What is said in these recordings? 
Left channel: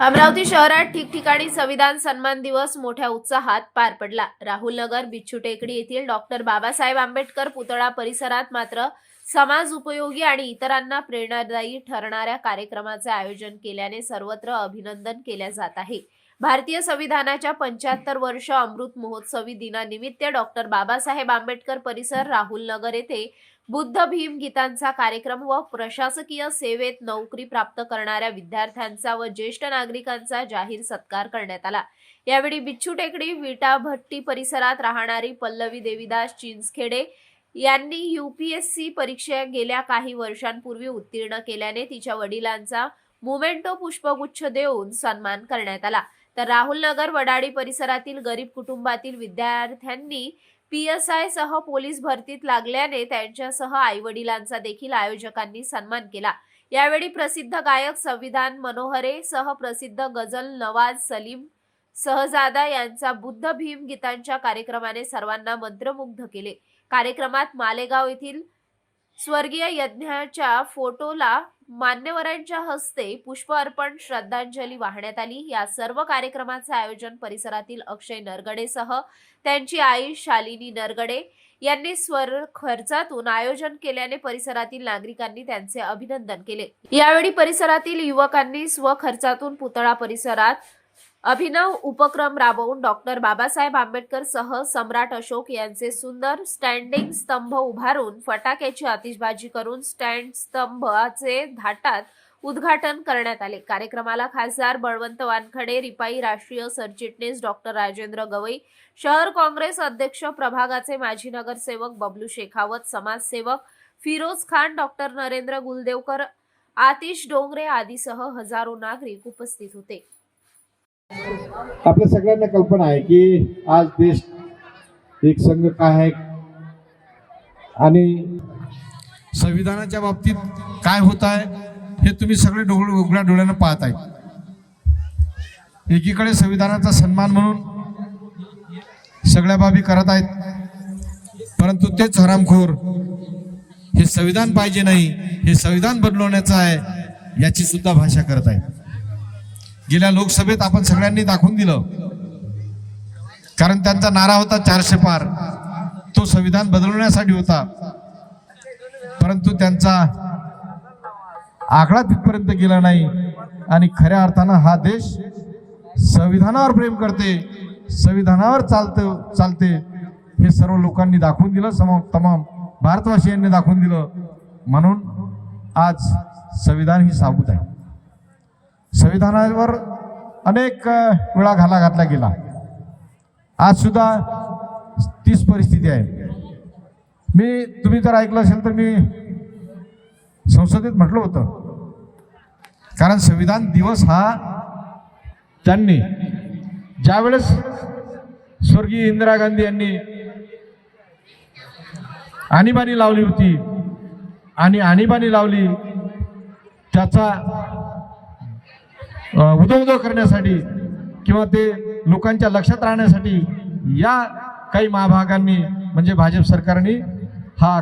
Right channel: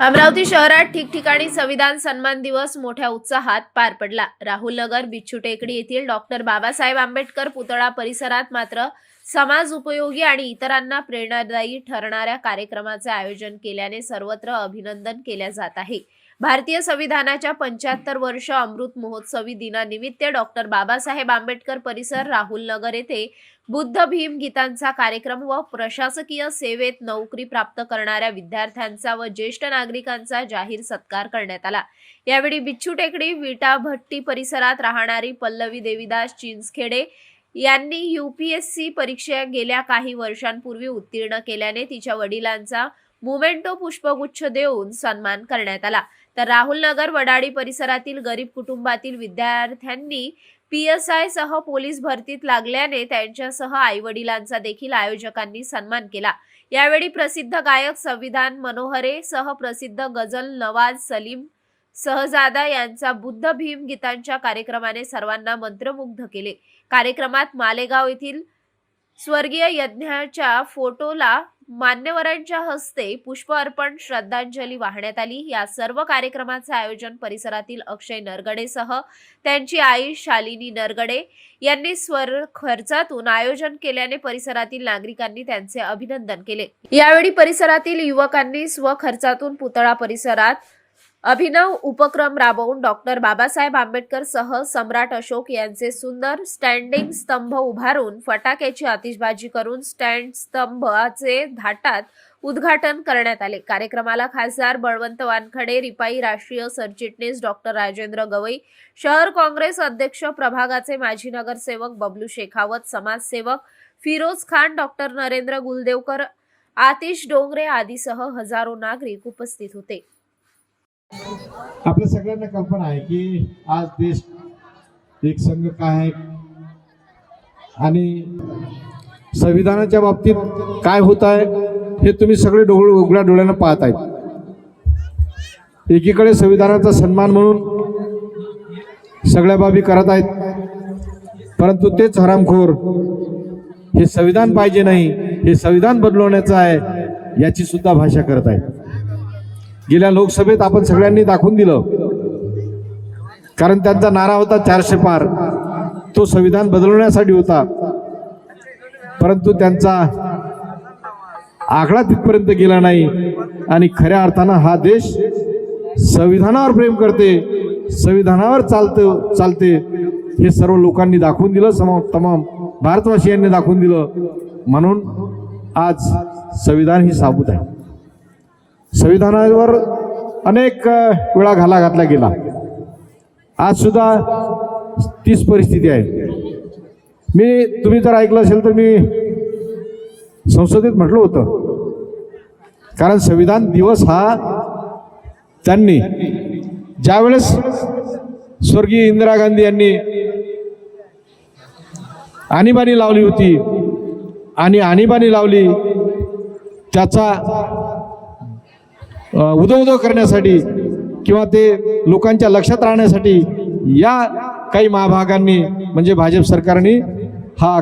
अमरावती शहरात ठिकठिकाणी संविधान सन्मान दिवस मोठ्या उत्साहात पार पडला. राहुल नगर बिच्छू टेकडी येथील डॉक्टर बाबासाहेब आंबेडकर पुतळा परिसरात मात्र समाज उपयोगी आणि इतरांना प्रेरणादायी ठरणाऱ्या कार्यक्रमाचे आयोजन केल्याने सर्वत्र अभिनंदन केल्या जात आहे. भारतीय संविधानाच्या पंच्याहत्तर वर्ष अमृत महोत्सवी दिनानिमित्त डॉक्टर बाबासाहेब आंबेडकर परिसर राहुल नगर येथे बुद्ध भीम गीतांचा कार्यक्रम व प्रशासकीय सेवेत नोकरी प्राप्त करणाऱ्या विद्यार्थ्यांचा व ज्येष्ठ नागरिकांचा जाहीर सत्कार करण्यात आला. यावेळी बिच्छू टेकडी विटा भट्टी परिसरात राहणारी पल्लवी देवीदास चिंचखेडे यांनी यूपीएससी परीक्षा गेल्या काही वर्षांपूर्वी उत्तीर्ण केल्याने तिच्या वडिलांचा मुमेंटो पुष्पगुच्छ देऊन सन्मान करण्यात आला. तर राहुल नगर वडाळी परिसरातील गरीब कुटुंबातील विद्यार्थ्यांनी पी एस आय सह पोलीस भरतीत लागल्याने त्यांच्यासह आई वडिलांचा देखील आयोजकांनी सन्मान केला. यावेळी प्रसिद्ध गायक संविधान मनोहरे सह प्रसिद्ध गझल नवाज सलीम सहजादा यांचा बुद्ध भीम गीतांच्या कार्यक्रमाने सर्वांना मंत्रमुग्ध केले. कार्यक्रमात मालेगाव येथील स्वर्गीय यज्ञाच्या फोटोला मान्यवरांच्या हस्ते पुष्प अर्पण श्रद्धांजली वाहण्यात आली. या सर्व कार्यक्रमाचे आयोजन परिसरातील अक्षय नरगडेसह त्यांची आई शालिनी नरगडे यांनी स्वर खर्चातून आयोजन केल्याने परिसरातील नागरिकांनी त्यांचे अभिनंदन केले. यावेळी परिसरातील युवकांनी स्वखर्चातून पुतळा परिसरात अभिनव उपक्रम राबवून डॉक्टर बाबासाहेब आंबेडकर सह सम्राट अशोक यांचे सुंदर स्टँडिंग स्तंभ उभारून फटाक्याची आतिषबाजी करून स्टँड स्तंभाचे धाटात उद्घाटन करण्यात आले. कार्यक्रमाला खासदार बळवंत वानखडे रिपाई राष्ट्रीय सरचिटणीस डॉक्टर राजेंद्र गवई शहर काँग्रेस अध्यक्ष प्रभागाचे माजी नगरसेवक बबलू शेखावत समाजसेवक फिरोज खान डॉक्टर नरेंद्र गुलदेवकर आतिश डोंगरे आदीसह हजारो नागरिक उपस्थित होते. आपल्या सगळ्यांना कल्पना आहे की आज देश एक संघ काय आहे? आणि संविधानाच्या बाबतीत काय होत आहे हे तुम्ही सगळे डोळ उघड्या डोळ्यानं पाहत आहेत. एकीकडे संविधानाचा सन्मान म्हणून सगळ्या बाबी करत आहेत परंतु तेच हरामखोर हे संविधान पाहिजे नाही हे संविधान बदलवण्याचं आहे याची सुद्धा भाषा करत आहेत. गेल्या लोकसभेत आपण सगळ्यांनी दाखवून दिलं. कारण त्यांचा नारा होता चारशे पार. तो संविधान बदलवण्यासाठी होता. परंतु त्यांचा आकडा तिथपर्यंत गेला नाही. आणि खऱ्या अर्थानं हा देश संविधानावर प्रेम करते संविधानावर चालतं चालते हे सर्व लोकांनी दाखवून दिलं. सम तमाम भारतवासियांनी दाखवून दिलं. म्हणून आज संविधान ही साबूत आहे. संविधानावर अनेक वेळा घाला घातला गेला. आज सुद्धा तीच परिस्थिती आहे. मी तुम्ही जर ऐकलं असेल तर मी संसदेत म्हटलं होतं. कारण संविधान दिवस हा त्यांनी ज्यावेळेस स्वर्गीय इंदिरा गांधी यांनी आणीबाणी लावली होती आणि आणीबाणी लावली त्याचा अ, करण्यासाठी किंवा ते लोकांच्या लक्षात राहण्यासाठी या काही महाभागांनी म्हणजे भाजप सरकारने हा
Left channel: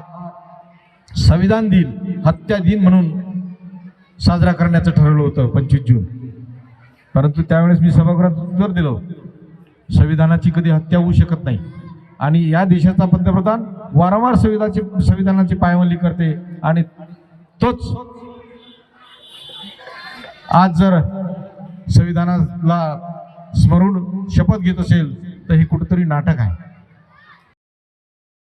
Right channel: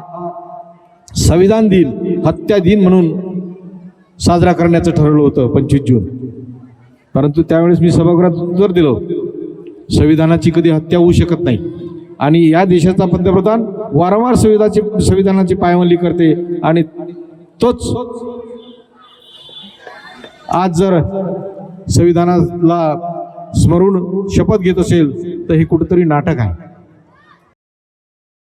संविधान दिन हत्या दिन म्हणून साजरा करण्याचं ठरवलं होतं पंचवीस जून. परंतु त्यावेळेस मी सभागृहात उत्तर दिलो संविधानाची कधी हत्या होऊ शकत नाही. आणि या देशाचा पंतप्रधान वारंवार संविधानाची संविधानाची पायमल्ली करते आणि तोच आज जर संविधानाला स्मरून शपथ घेत असेल तर हे कुठंतरी नाटक आहे.